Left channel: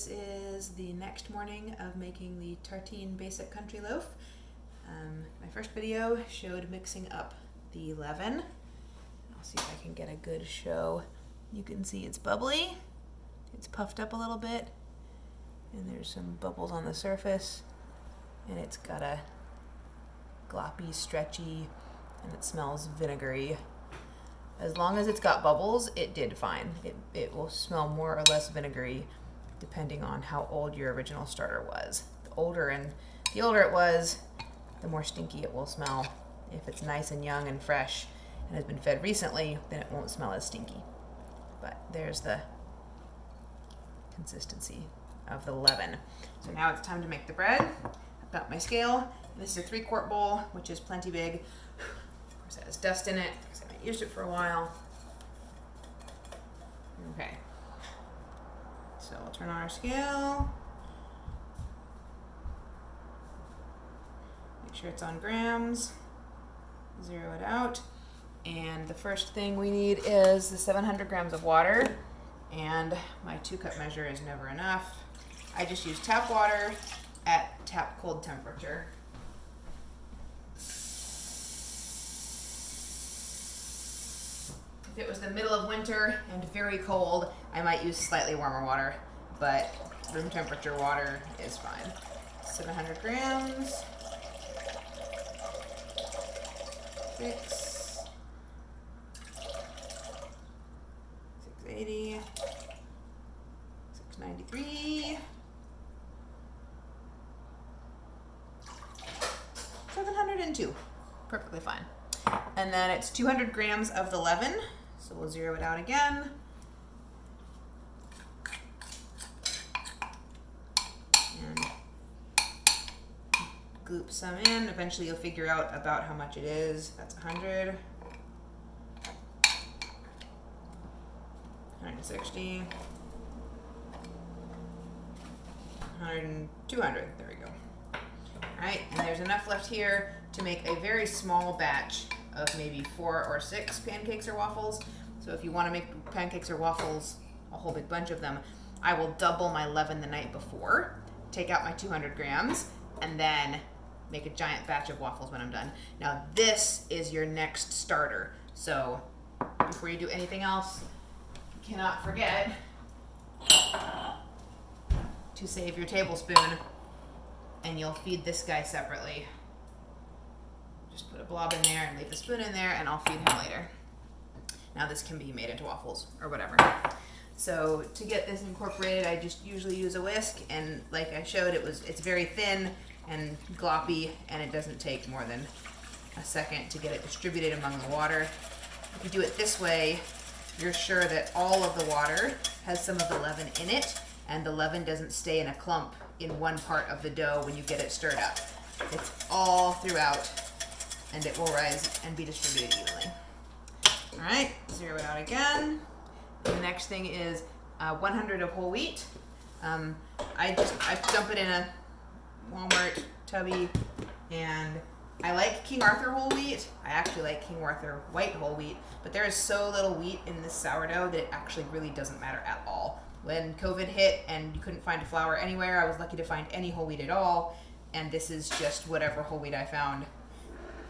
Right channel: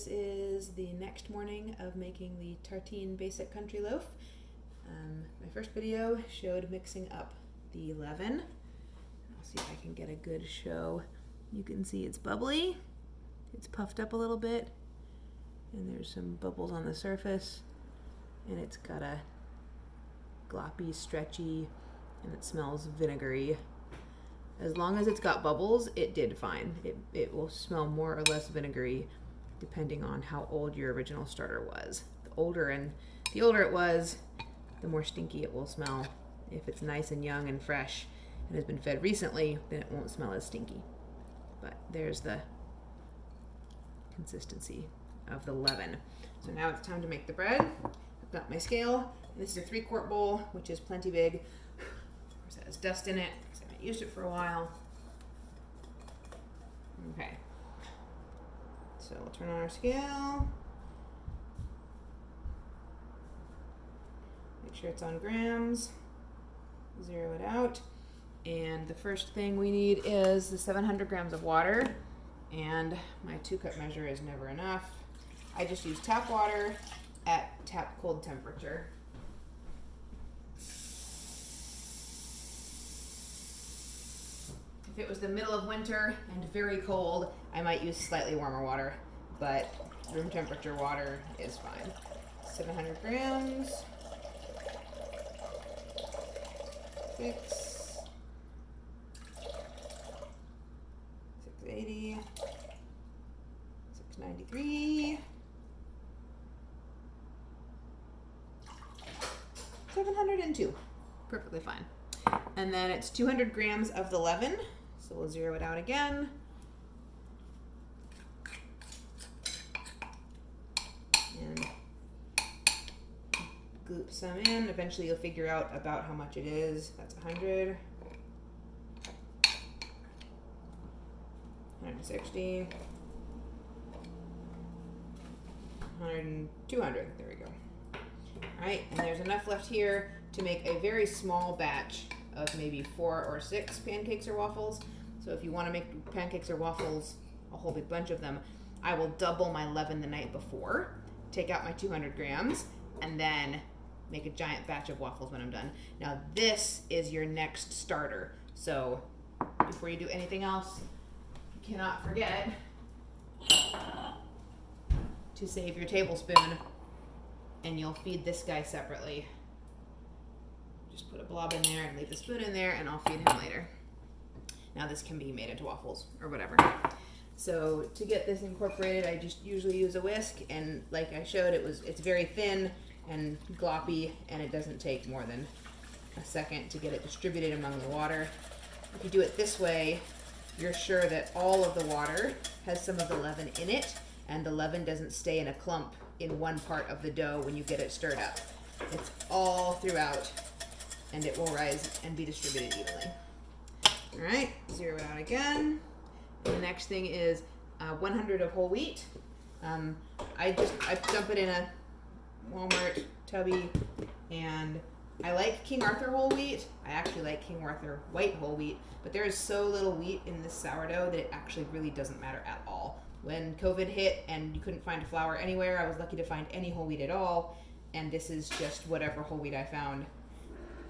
This is the next morning of making the Tartine basic country loaf. My first video showed mixing up the leaven. I'll see if I can get a good show. You can see it's bubbly, it's puffed up a little bit, and there's some bubbles on the surface, and it's got a gloppy, stretchy, and it smells vinegary. As long as it's got bubbles, it did fine. It will smell more or less vinegary depending on how old your original starter was. The older it was, the more stinky it will smell. If it's nice and young and fresh and has been fed recently, then it won't smell as stinky. But there's the consistency of the leaven. So now it's time to make the bread. I've got my scale, and this is a 3-quart bowl, which is plenty big. Of course, that has dust in it because I haven't used it for a while. Okay. So we'll turn on our scale. Make sure it's on grams. Zero it out. And the first thing we need is the 700 grams of water. And my 2-cup measure is never enough. I just use tap water at tap cold temperature. If it was the middle of winter and very cold, I might use slightly warmer water, but room temperature water is fine. 700 grams. 680. 693. 702. Perfectly fine. And then it's 200 grams of the leaven. So we'll zero it out again. And gloop some in. Eventually you'll figure out about how much it is. That's 100. 160. 200. There we go. Alright, and there's enough left here to make a very small batch of maybe 4 or 6 pancakes or waffles. So if you want to make pancakes or waffles, a whole big bunch of them, I will double my leaven the night before, take out my 200 grams, and then make a giant batch of waffles when I'm done. Now this is your next starter. So before you do anything else, you cannot forget to save your tablespoon, and you'll feed this guy separately. Just put a blob in there and leave the spoon in there, and I'll feed him later. Now this can be made into waffles or whatever. So to get this incorporated, I just usually use a whisk, and like I showed, it's very thin and gloppy, and it doesn't take more than a second to get it distributed among the water. If you do it this way, you're sure that all of the water has some of the leaven in it, and the leaven doesn't stay in a clump in one part of the dough when you get it stirred up. It's all throughout, and it will rise and be distributed evenly. All right, zero it out again. The next thing is 100 of whole wheat. I dump it in a Walmart tubby, and I like King Arthur whole wheat. I actually like King Arthur white whole wheat, but there is so little wheat in this sourdough that it actually really doesn't matter at all. When COVID hit and you couldn't find flour anywhere, I was lucky to find any whole wheat at all, and this is just whatever whole wheat I found,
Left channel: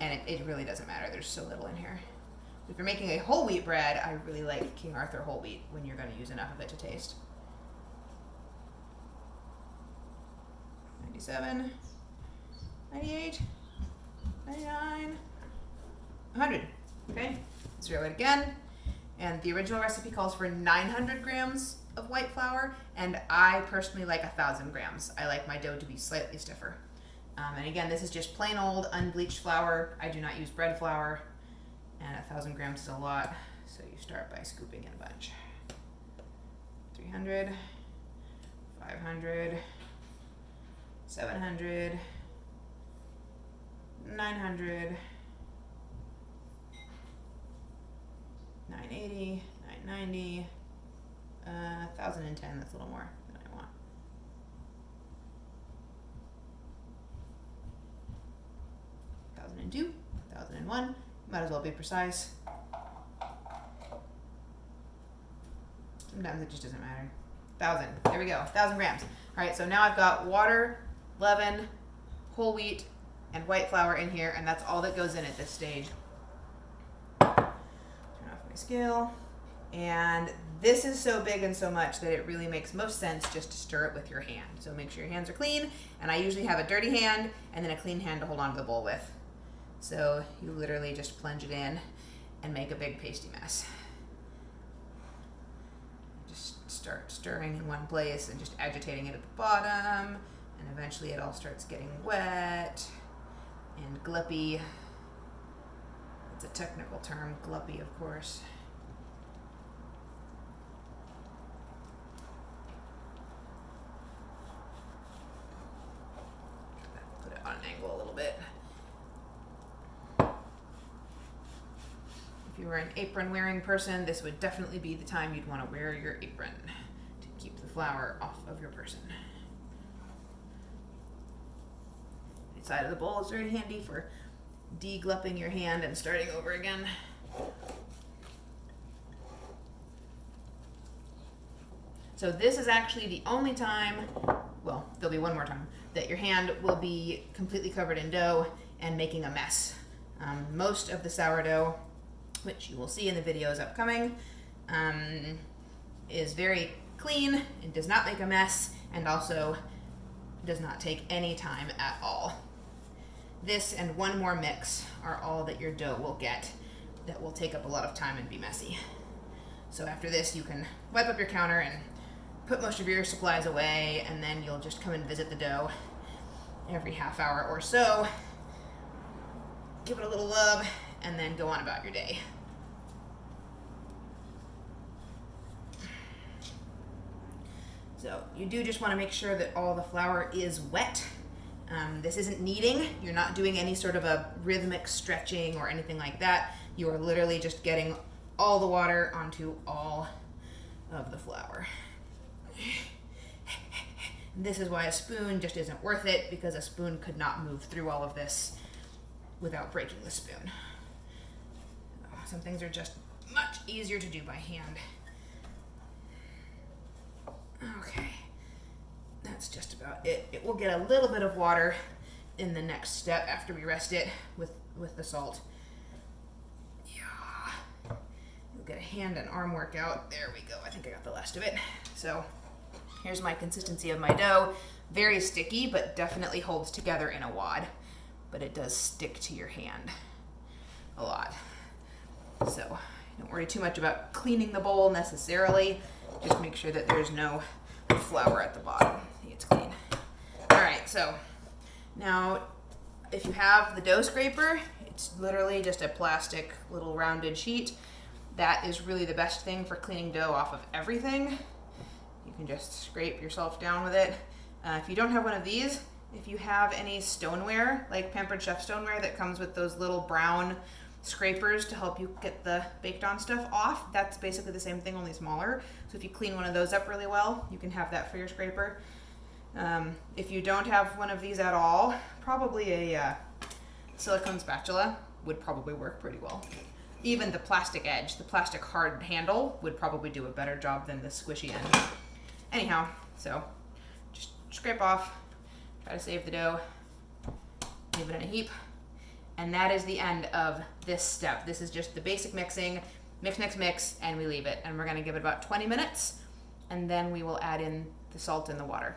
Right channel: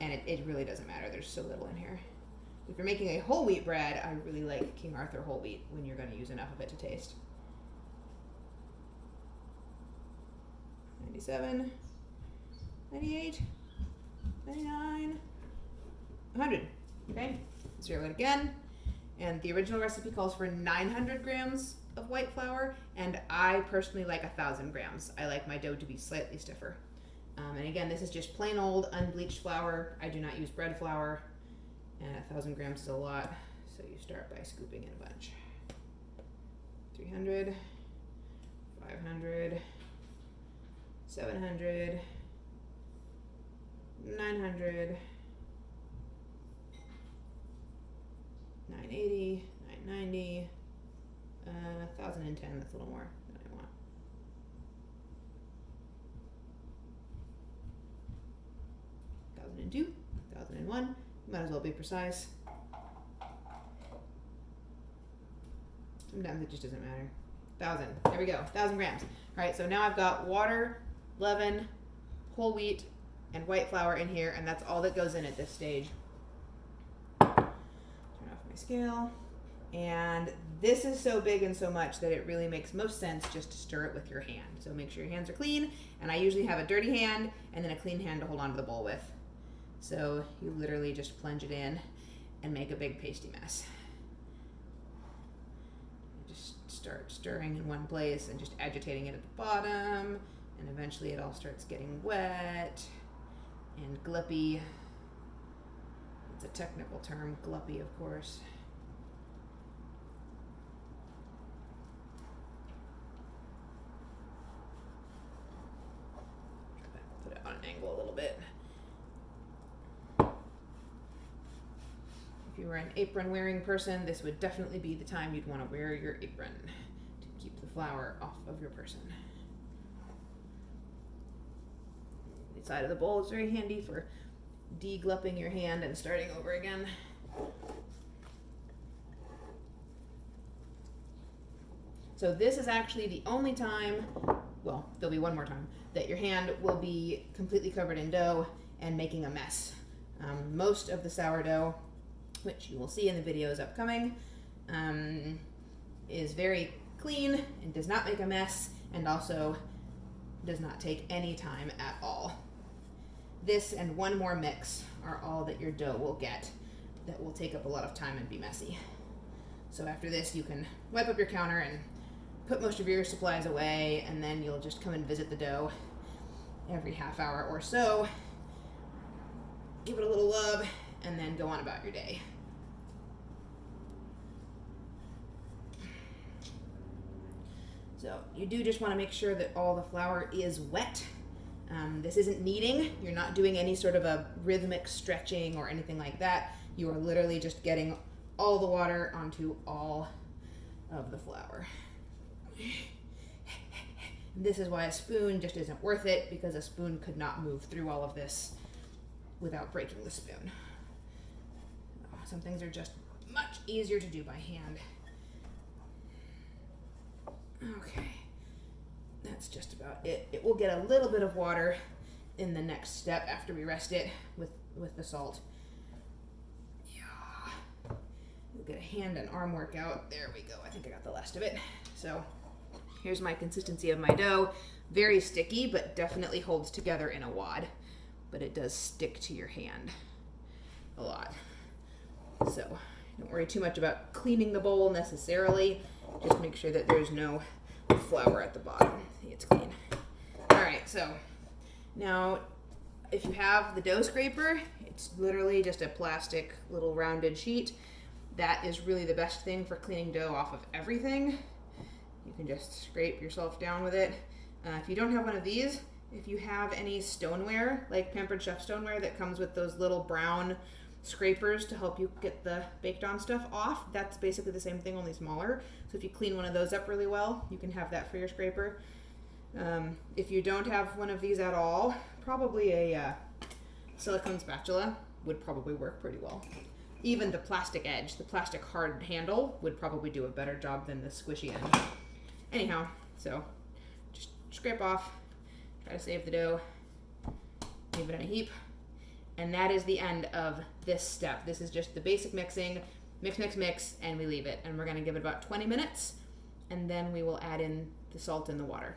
and it really doesn't matter. There's so little in here. If you're making a whole wheat bread, I really like King Arthur whole wheat when you're going to use enough of it to taste. 97, 98, 99, 100. Okay, zero it again. And the original recipe calls for 900 grams of white flour, and I personally like 1,000 grams. I like my dough to be slightly stiffer. And again, this is just plain old unbleached flour. I do not use bread flour, and 1,000 grams is a lot, so you start by scooping in a bunch. 300, 500, 700, 900, 980, 990, 1,010, that's a little more than I want. 1,002, 1,001, might as well be precise. Sometimes it just doesn't matter. 1,000. There we go, 1,000 grams. All right, so now I've got water, leaven, whole wheat, and white flour in here, and that's all that goes in at this stage. Turn off my scale. And this is so big and so much that it really makes most sense just to stir it with your hand. So make sure your hands are clean, and I usually have a dirty hand and then a clean hand to hold on to the bowl with. So you literally just plunge it in and make a big pasty mess. Just start stirring in one place and just agitating it at the bottom, and eventually it all starts getting wet and gluppy. It's a technical term, gluppy, of course. Put it on an angle a little bit. If you were an apron wearing person, this would definitely be the time you'd want to wear your apron to keep the flour off of your person. The side of the bowl is very handy for deglupping your hand and starting over again. So this is actually the only time, well, there'll be one more time, that your hand will be completely covered in dough and making a mess. Most of the sourdough, which you will see in the videos upcoming, is very clean and does not make a mess, and also does not take any time at all. This and one more mix are all that your dough will get that will take up a lot of time and be messy. So after this, you can wipe up your counter and put most of your supplies away, and then you'll just come and visit the dough every half hour or so, give it a little love, and then go on about your day. So you do just want to make sure that all the flour is wet. This isn't kneading. You're not doing any sort of a rhythmic stretching or anything like that. You are literally just getting all the water onto all of the flour. This is why a spoon just isn't worth it, because a spoon could not move through all of this without breaking the spoon. Some things are just much easier to do by hand. Okay, that's just about it. It will get a little bit of water in the next step after we rest it with the salt. Yeah. You'll get a hand and arm workout. There we go. I think I got the last of it. So here's my consistency of my dough. Very sticky, but definitely holds together in a wad. But it does stick to your hand a lot. So don't worry too much about cleaning the bowl necessarily. Just make sure that there's no flour at the bottom. See, it's clean. All right, so now if you have the dough scraper, it's literally just a plastic little rounded sheet. That is really the best thing for cleaning dough off of everything. You can just scrape yourself down with it. If you don't have one of these, if you have any stoneware, like Pampered Chef stoneware that comes with those little brown scrapers to help you get the baked on stuff off, that's basically the same thing, only smaller. So if you clean one of those up really well, you can have that for your scraper. If you don't have one of these at all, probably a silicone spatula would probably work pretty well. Even the plastic edge, the plastic hard handle, would probably do a better job than the squishy end. Anyhow, so just scrape off, try to save the dough, leave it in a heap. And that is the end of this step. This is just the basic mixing, mix, and we leave it. And we're gonna give it about 20 minutes, and then we will add in the salt and the water.